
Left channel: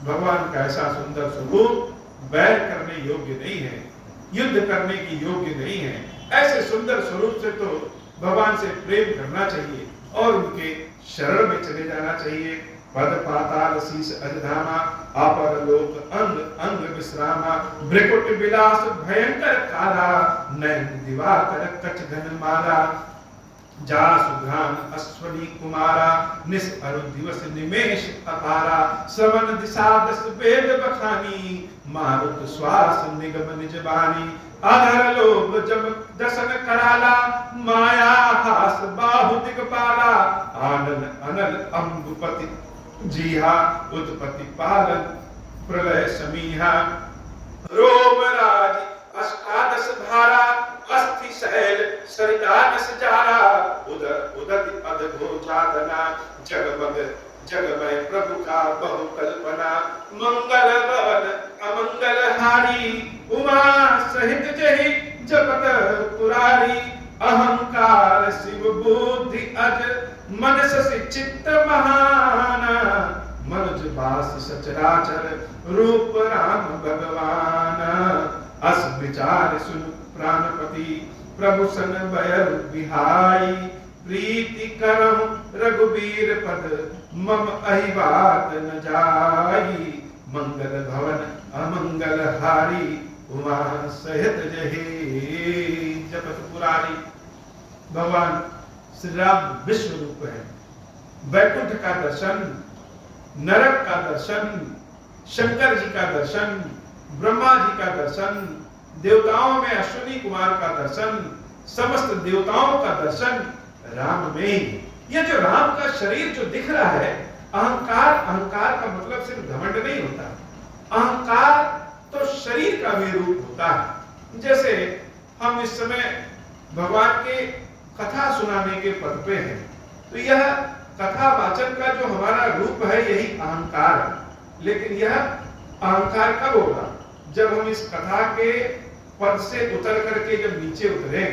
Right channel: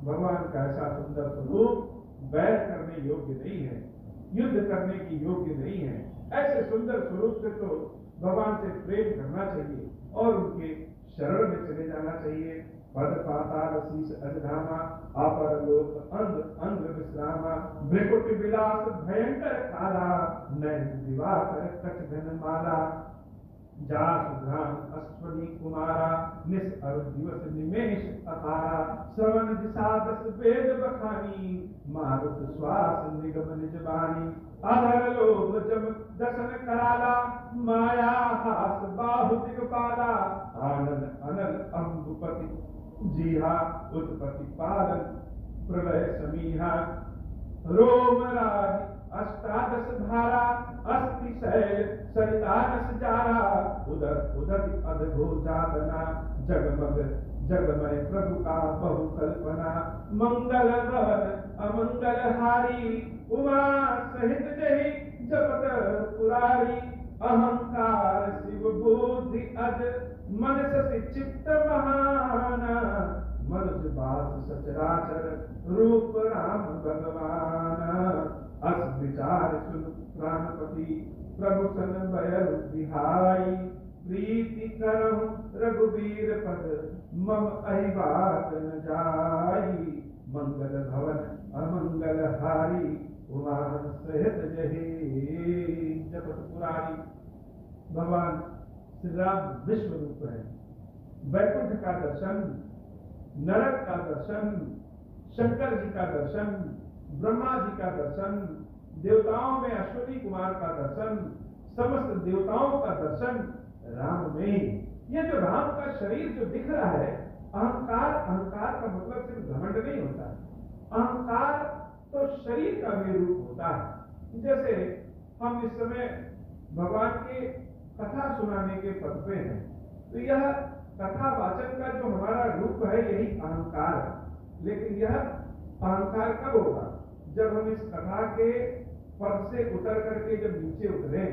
भगवान का ऐसा सुंदर स्वरूप बैर करने योग्य नहीं है, युद्ध करने की योग्य नहीं है। ऐसे सुंदर स्वरूप से तो भगवान से प्रेम करना चाहिए और उनके शरण में चले जाना चाहिए। पद पाताल शीस अजधामा, अपर लोक अंग अंग विश्रामा। भ्रिकुट विलास भयंकर काला, नयन दिवाकर कच घन माला। जासु घ्राण अश्वनी कुमारा, निस अरु दिवस निमेष अपारा। श्रवण दिशा दस वेद बखानी, मारुत श्वास निगम निज बानी। आधर लोभ जम दसन कराला, माया हास बाहु दिगपाला। आनन अनल अम्बुपति जीहा, उत्पत्ति पालन प्रलय समीहा। रोमराज अष्टादश धारा, अस्थि शैल सरिता दस जारा। उदर उदति अधगो जातना, जगमग जगमय प्रभु का बहु कल्पना। मंगल भवन अमंगल हारी, उमा सहित जहि जपत पुरारी। अहंकार शिव बुद्धि अज, मनस चित्त महान। मनुज बास सचराचर, रूप राम भगवान। अस विचार सुन प्राणपति, प्रभु सन बयर बिहाई। प्रीति करहु रघुबीर पद, मम अहि बात न जाई। मंगल भवन अमंगल हारी, उमा सहित जहि जपत पुरारी। भगवान श्री राम विश्व रूप है। वैकुंठ का दर्शन, नरक का दर्शन, शंकर जी का दर्शन, ब्रह्मा जी का दर्शन, देवताओं में अश्विनी कुमार का दर्शन, समस्त देवताओं का दर्शन राम में ही। यह जो राम का शरीर जो दिख रहा है, अहंकार, अहंकार का मतलब सिर्फ घमंड नहीं होता। अहंकार तो शरीर का भी रूप होता है। जैसे हम इस समय भगवान के कथा सुनाने के पद पे हैं, तो यह कथा वाचन का जो हमारा रूप है यही अहंकार है। लेकिन यह अहंकार कब होगा? जब हम इस कथा के पद से उतर करके जब नीचे उतरे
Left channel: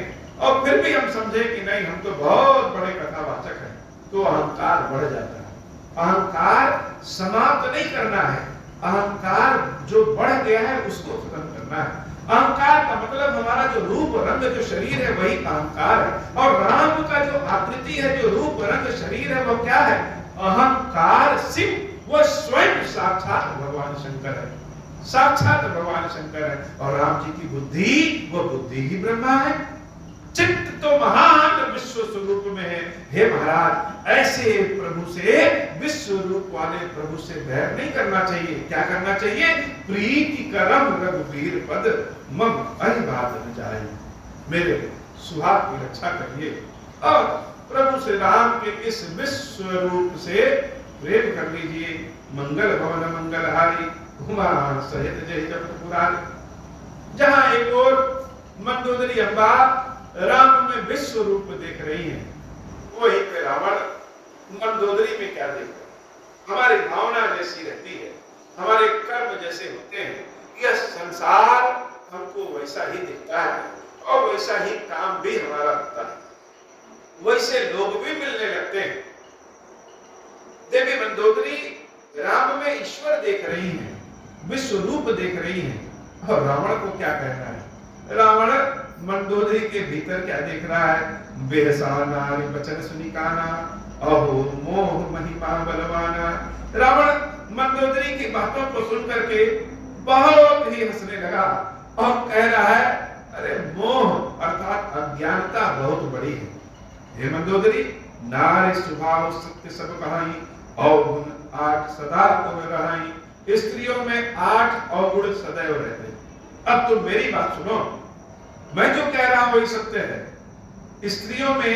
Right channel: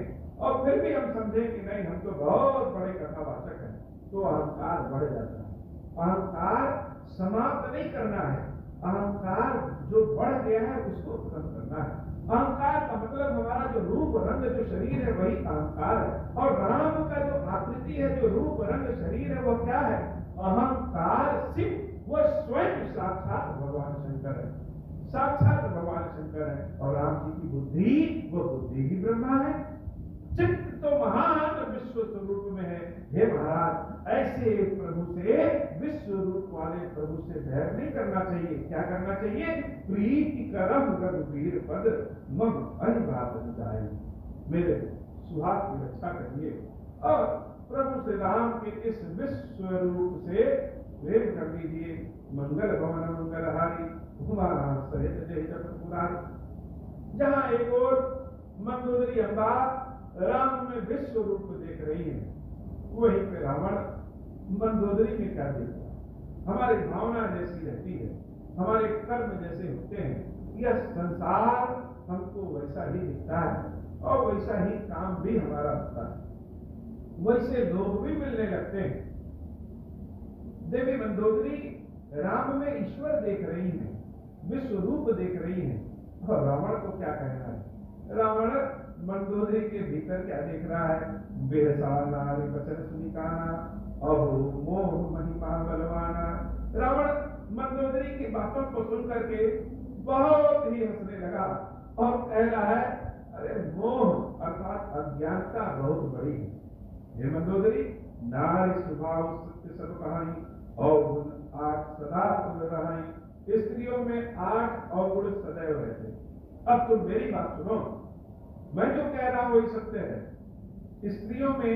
और फिर भी हम समझे कि नहीं, हम तो बहुत बड़े कथावाचक हैं, तो अहंकार बढ़ जाता है। अहंकार समाप्त नहीं करना है, अहंकार जो बढ़ गया है उसको खत्म करना है। अहंकार का मतलब हमारा जो रूप रंग जो शरीर है वही अहंकार है। और राम का जो आकृति है, जो रूप रंग शरीर है, वो क्या है? अहंकार शिव, वो स्वयं साक्षात भगवान शंकर है, साक्षात भगवान शंकर है। और राम जी की बुद्धि, वो बुद्धि ही ब्रह्मा है। चित्त तो महान विश्व स्वरूप में है। हे महाराज, ऐसे प्रभु से, विश्व रूप वाले प्रभु से बैर नहीं करना चाहिए। क्या करना चाहिए? प्रीति करम रघुवीर पद मम अहिबात न जाए। मेरे सुहाग की रक्षा करिए और प्रभु श्री राम के इस विश्व रूप से प्रेम कर लीजिए। मंगल भवन मंगलहारी, उमा सहित जय जगत पुरारी। जहां एक और मंदोदरी अम्बा राम में विश्व रूप देख रही है, वही पे रावण मंदोदरी में क्या देख रहा है? हमारी भावना जैसी रहती है, हमारे कर्म जैसे होते हैं, यह संसार हमको वैसा ही दिखता है और वैसा ही काम भी हमारा होता है, वैसे लोग भी मिलने लगते हैं। देवी मंदोदरी राम में ईश्वर देख रही है, विश्व रूप देख रही है। और रावण को क्या कहना है? रावण मंदोदरी के भीतर क्या देख रहा है? बेहसा नारी वचन सुनिकाना, अहो मोह महिमा बलवाना। रावण मंदोदरी की बातों को सुन करके बहुत ही हंसने लगा और कह रहा है, अरे मोह अर्थात अज्ञानता बहुत बड़ी है। हे मंदोदरी, नारी स्वभाव सत्य सब कहाई, अवगुण 8 सदा को रहाई। स्त्रियों में 8 अवगुण सदैव रहते। अब तुम मेरी बात सुनो, मैं जो कह रहा हूं वही सत्य है। स्त्रियों में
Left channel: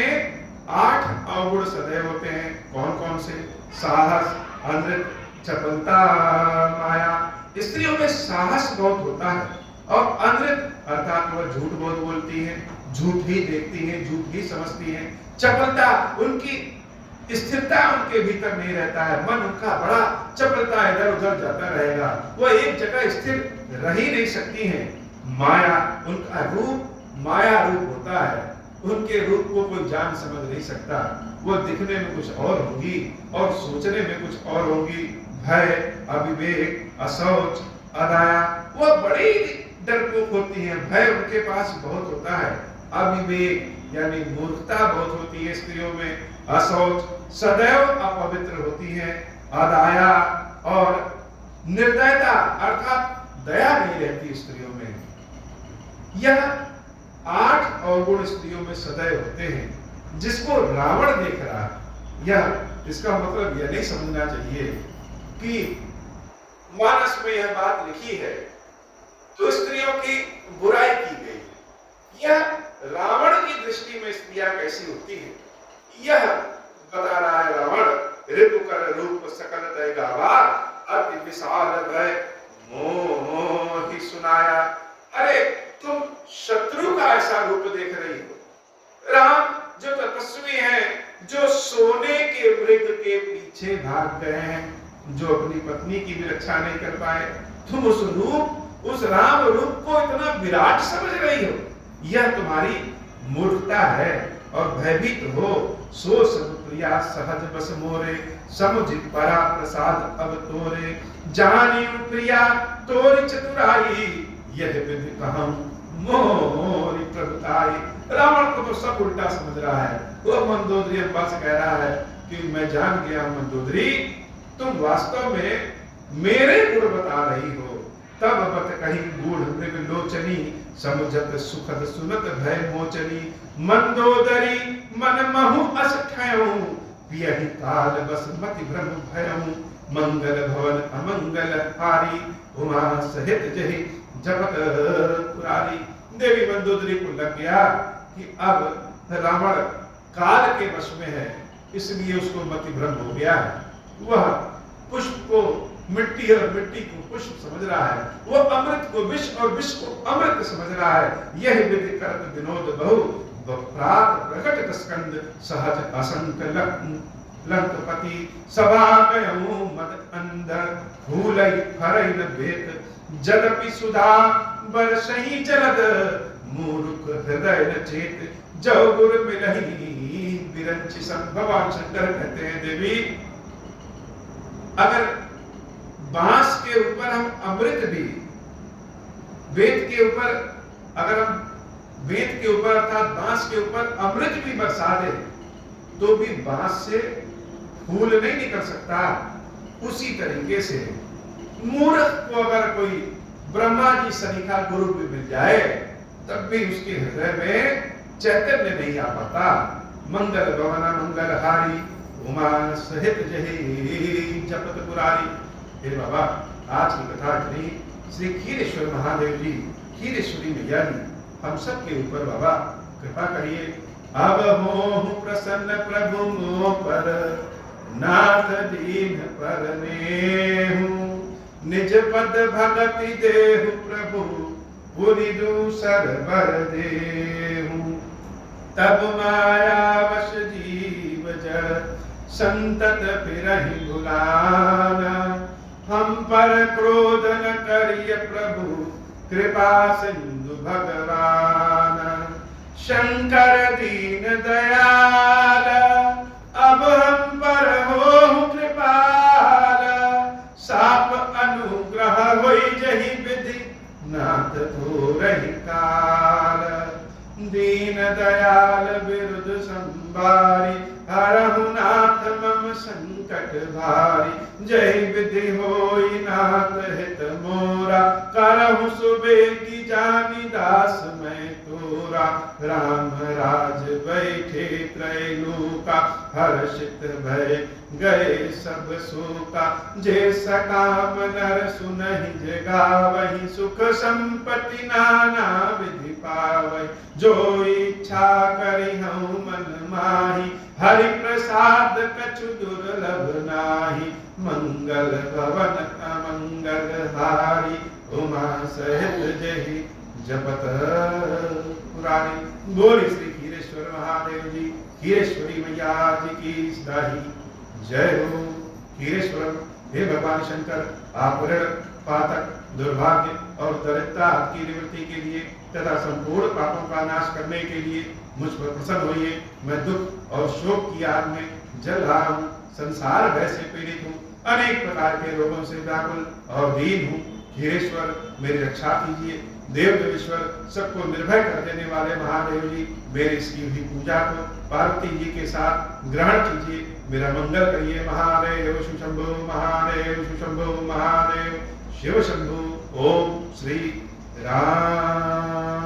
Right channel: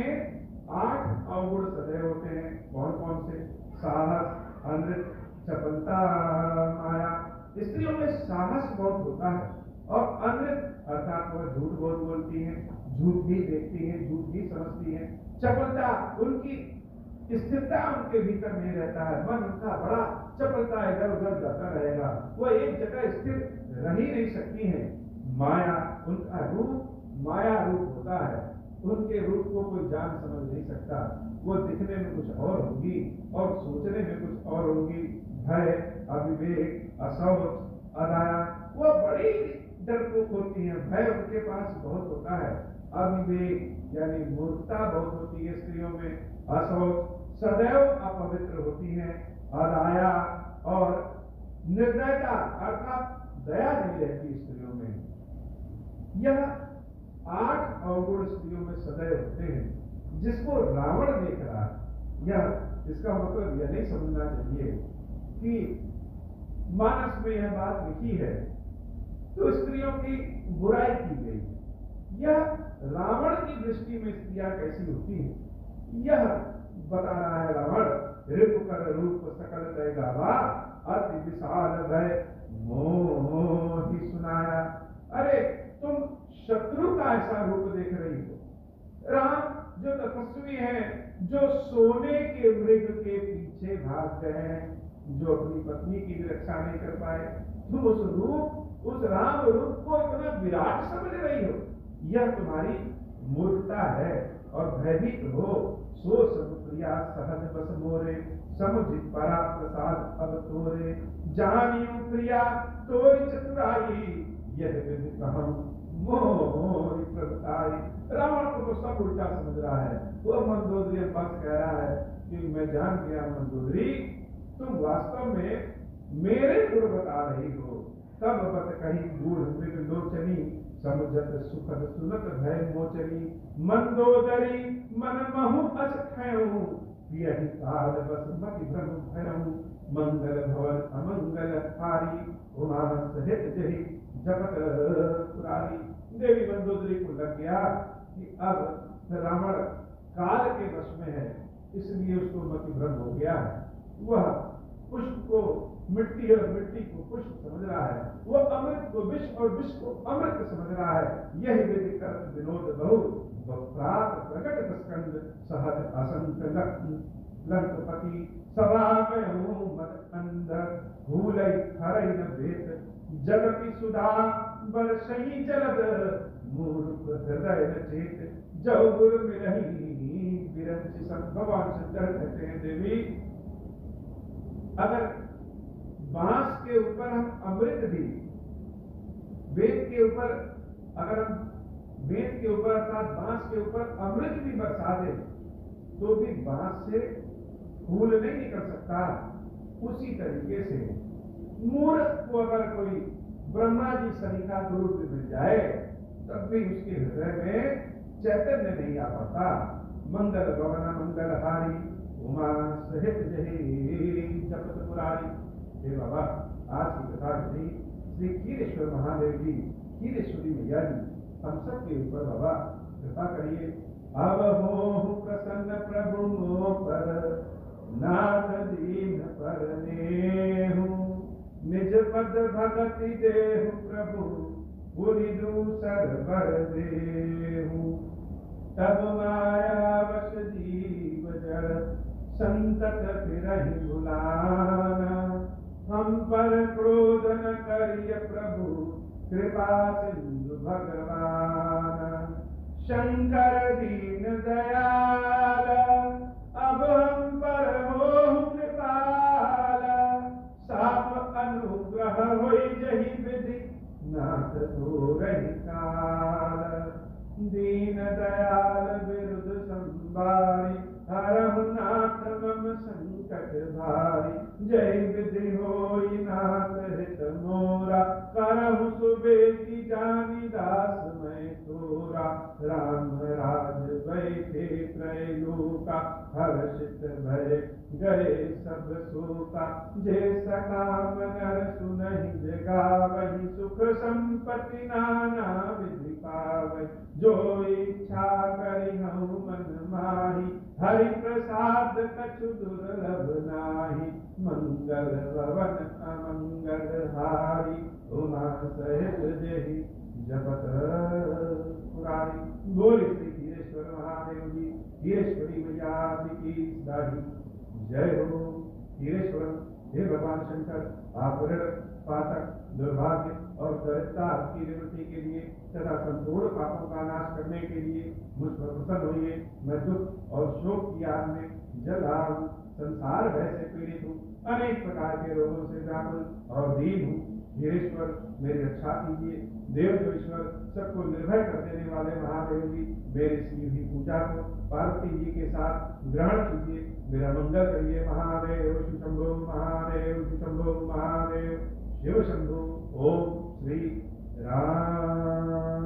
8 अवगुण सदैव होते हैं। कौन कौन से? साहस, अनृत, चपलता, माया। स्त्रियों में साहस बहुत होता है और अनृत अर्थात वह झूठ बहुत बोलती है, झूठ ही देखती है, झूठ ही समझती है। चपलता, उनकी स्थिरता उनके भीतर नहीं रहता है, मन उनका बड़ा चपलता, इधर उधर जाता रहेगा, वह एक जगह स्थिर रह ही नहीं सकती है। माया, उनका रूप माया रूप होता है, उनके रूप को कोई जान समझ नहीं सकता। वो दिखने में कुछ और होगी और सोचने में कुछ और होगी। भय, अविवेक, असौच, अदाया, वो बड़ी डरपोक होती है। भय उनके पास बहुत होता है, अविवेक यानी मूर्खता बहुत होती है स्त्रियों में, असौच सदैव अपवित्र होती है, अदाया और निर्दयता अर्थात दया नहीं रहती स्त्रियों में। यह 8 अवगुण स्त्रियों में सदैव होते हैं, जिसको रावण देख रहा है। यह इसका मतलब यह नहीं समझना चाहिए कि मानस में यह बात लिखी है तो स्त्रियों की बुराई की गई। यह रावण की दृष्टि में स्त्रियां कैसी होती है यह बता रहा है रावण। ऋतु कर रूप सकल तय गावा, अति विशाल भय मोह ही सुनाया। अरे तुम शत्रु का ऐसा रूप देख रही हो। राम जो तपस्वी हैं, जो सोने के मृग के पीछे भाग गए हैं, जो अपनी पत्नी की भी रक्षा नहीं कर पाए, तुम उस रूप, उस राम रूप को इतना विराट समझ रही हो। यह तुम्हारी मूर्खता है और भयभीत हो। सो सब प्रिया सहज बस मोरे, समुझ परा प्रसाद अब तोरे। जानी प्रिया तोरी चतुराई, यह विधि कहूं मोरी प्रभुताई। रावण को तो सब उल्टा समझ रहा है। वो मंदोदरी अम्बा से कह रहा है कि मैं जान गया मंदोदरी, तुम वास्तव में मेरे गुण बता रही हो। तब बत कही गूढ़ मृग लोचनी, समुझत सुखद सुनत भय मोचनी मंदोदरी मन महु अस ठयऊ पियहि काल बस मति भ्रम भयऊ मंगल भवन अमंगल हारी उमा सहित जहि जपत पुरारी। देवी मंदोदरी को लग गया कि अब रावण काल के वश में है, इसलिए उसको मति भ्रम हो गया है। वह पुष्प को मिट्टी और मिट्टी को पुष्प समझ रहा है, वो अमृत को विष और विष को अमृत समझ रहा है। यह विधि करत विनोद बहु प्रात प्रकट स्कंद सहज असंक लंकपति सभा कयऊ मद अंधर भूलई फरई न भेद जदपि सुधा बरसई जलद मूर्ख हृदय न चेत जो गुर मिलही बिरंचि सम। भगवान शंकर कहते हैं देवी, अगर बांस के ऊपर हम अमृत भी वेद के ऊपर, अगर हम वेद के ऊपर अर्थात बांस के ऊपर अमृत भी बरसा दे तो भी बांस से फूल नहीं निकल सकता। उसी तरीके से मूर्ख को अगर कोई ब्रह्मा जी सरीखा गुरु भी मिल जाए तब भी उसके हृदय में चैतन्य नहीं आ पाता। मंगल भवना मंगल हारी उमा सहित जहि जपत पुरारी। हे बाबा, आज की कथा इतनी। श्री क्षीरेश्वर महादेव जी, क्षीरेश्वरी मैया जी हम सब के ऊपर बाबा कृपा करिए। अब मोह प्रसन्न प्रभु मोह पर नाथ दीन पर नेहु निज पद भगति देहु प्रभु पुरि दूसर बर देहु। तब माया वश जीव जड़ संतत फिरहि भुलाना हम पर क्रोध न करिय प्रभु कृपा सिंधु भगवान। शंकर दीन दयाल अब हम पर हो कृपाल साप अनुग्रह होई जहि विधि नाथ थोरहि काल। दीन दयाल विरुद्ध संभारी हरहु नाथ मम संकट भारी। जय विधि होई नाथ हित मोरा करहु सुबे की जानी दास मैं तोरा। राम राज बैठे त्रैलोका हर्षित भय गए सब शोका। जे सकाम नर सुनहि जगावहि सुख संपत्ति नाना विधि पावहि। जो इच्छा करि हऊँ मन माही हरि प्रसाद कछु दुर्लभ नाही। मंगल भवन अमंगल हारी उमा सहित जहि जपत पुरारी। बोले श्री क्षीरेश्वर महादेव जी, क्षीरेश्वरी मैया जी की सदाही जय हो। क्षीरेश्वर हे भगवान शंकर, आप ऋण पातक दुर्भाग्य और दरिद्रता की निवृत्ति के लिए तथा संपूर्ण पापों का नाश करने के लिए मुझ पर प्रसन्न होइए। मैं दुख और शोक की आग में जल रहा हूँ, संसार भय से पीड़ित हूँ, अनेक प्रकार के रोगों से व्याकुल और दीन हूँ। क्षीरेश्वर मेरी रक्षा कीजिए। देव देवेश्वर सबको निर्भय कर देने वाले महादेव जी, मेरी इसकी हुई पूजा को पार्वती जी के साथ ग्रहण कीजिए, मेरा मंगल करिए। महादेव शिवशंभो महादेव शिवशंभो महादेव शिव शंभो। ओम श्री राम।